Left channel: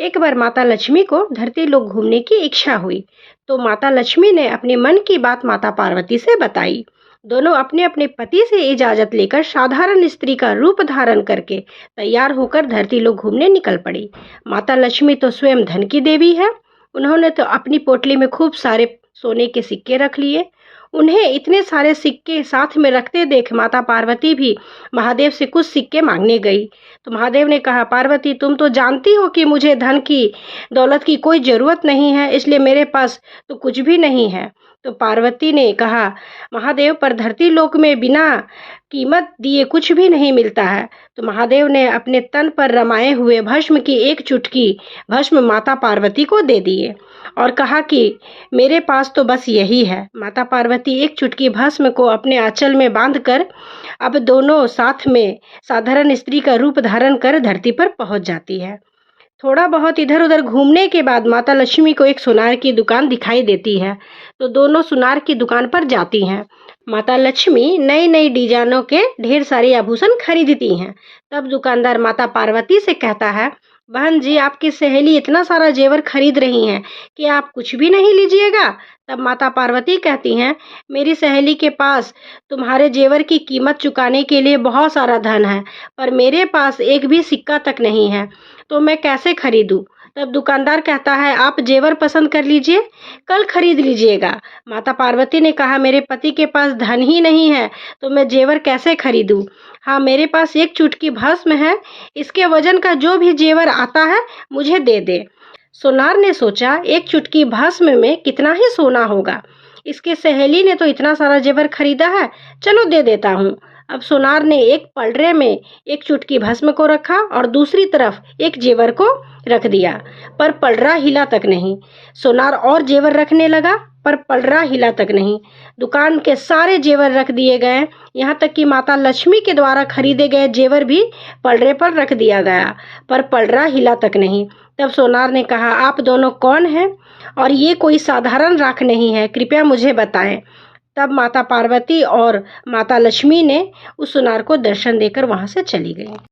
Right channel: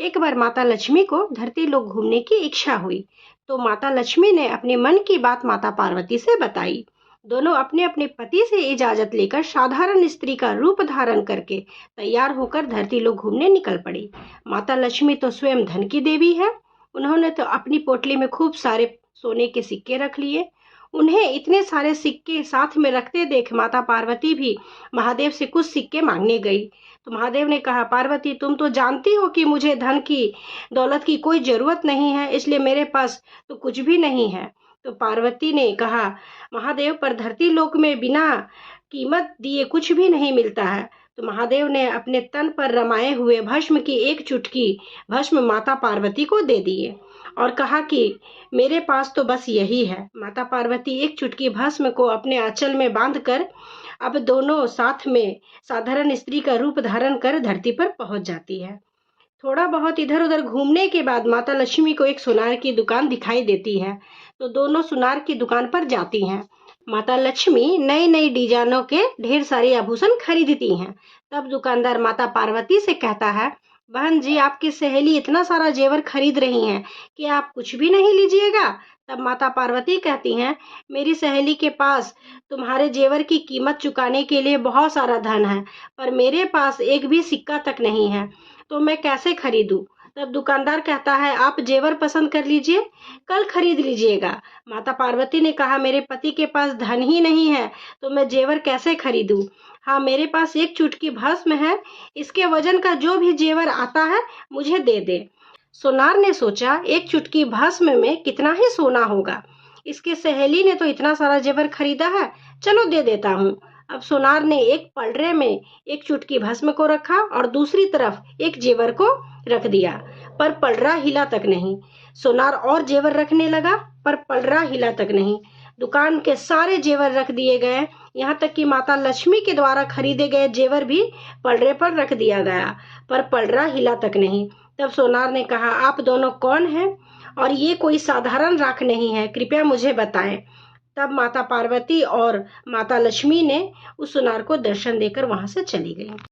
एक बार माता लक्ष्मी को धरती लोक घूमने की इच्छा हुई, तो माता लक्ष्मी ने अपने मन की बात माता पार्वती से बताई। दोनों अपने अपने पति से इजाजत लेकर साधारण स्त्री का रूप धारण करके तैयार होकर धरती लोक घूमने निकल पड़ी। माता लक्ष्मी तो स्वयं धन की देवी है। उन्होंने तो अपनी पोटली में खूब सारे सोने के सिक्के रख लिए। उन्हें इतने सारे सिक्के साथ में रखते देख माता पार्वती भी महादेव से कुछ सिक्के मांगने गई। तो महादेव ने कहा, पार्वती तुम तो जानती हो कि मुझे धन की दौलत की कोई ज़रूरत नहीं है, इसलिए मेरे पास तो कुछ भी नहीं है। तो पार्वती ने कहा, महादेव पर धरती लोक में बिना कीमत दिए कुछ भी नहीं मिलता है। तो महादेव ने अपने तन पर रमाए हुए भस्म की एक चुटकी भस्म माता पार्वती को दे दिए और कहा कि मेरे पास तो बस यही है। माता पार्वती एक चुटकी भस्म को अपने आंचल में बांधकर अब दोनों साथ में साधारण स्त्री का रूप धारण कर धरती पर पहुंच जाती है। थोड़ा बहुत इधर उधर घूमने के बाद माता लक्ष्मी को एक सुनार की दुकान दिखाई देती है, तो दोनों सुनार की दुकान पर जाती हैं। माता लक्ष्मी नई नई डिजाइनों के ढेर सारे आभूषण खरीदती हैं। तब दुकानदार माता पार्वती से कहता है, बहन जी आपकी सहेली इतना सारा जेवर खरीद रही हैं कि आप कुछ भी नहीं लीजिएगा। तब माता पार्वती कहती हैं, मेरी सहेली के पास तुम्हारे जेवर की कीमत चुकाने के लिए बहुत सारा धन है, पर मेरे पास एक भी सिक्का तक नहीं है, तो मैं कैसे खरीदूं। तब दुकानदार कहता है, आप जेवर पसंद कर लीजिए, कल खरीद लीजिएगा। माता पार्वती ने कहा, मेरे पति के पास धन ही नहीं है, तो मैं जेवर कैसे खरीदूं। हाँ, मेरे पास एक चुटकी भस्म है, इसके वजन का जो भी जेवर आता है मुझे दे दे। सोनार ने सोचा, एक चुटकी भस्म में कितना ही सोना होगा, इसके सहेली ने तो इतना सारा जेवर खरीदा है, चलो दे देता हूँ। अब सोनार ने एक पलड़े में एक चुटकी भस्म को रखा और दूसरी तरफ एक जेवर को रख दिया, पर पलड़ा हिला तक नहीं। सोनार और जेवर रखने लगा, पर पलड़ा हिला तक नहीं। दुकान के सारे जेवर रख दिए गए, यहाँ तक कि माता लक्ष्मी के द्वारा खरीदे गए जेवर भी पलड़े पर रख दिया गया, पर पलड़ा हिला तक नहीं। तब सोनार ने कहा, आप दोनों कौन हैं और ये कोई साधारण राख नहीं है, कृपया मुझे बताएं। तब माता पार्वती और माता लक्ष्मी ने उस सुनार को दर्शन देकर वहां से चली गई।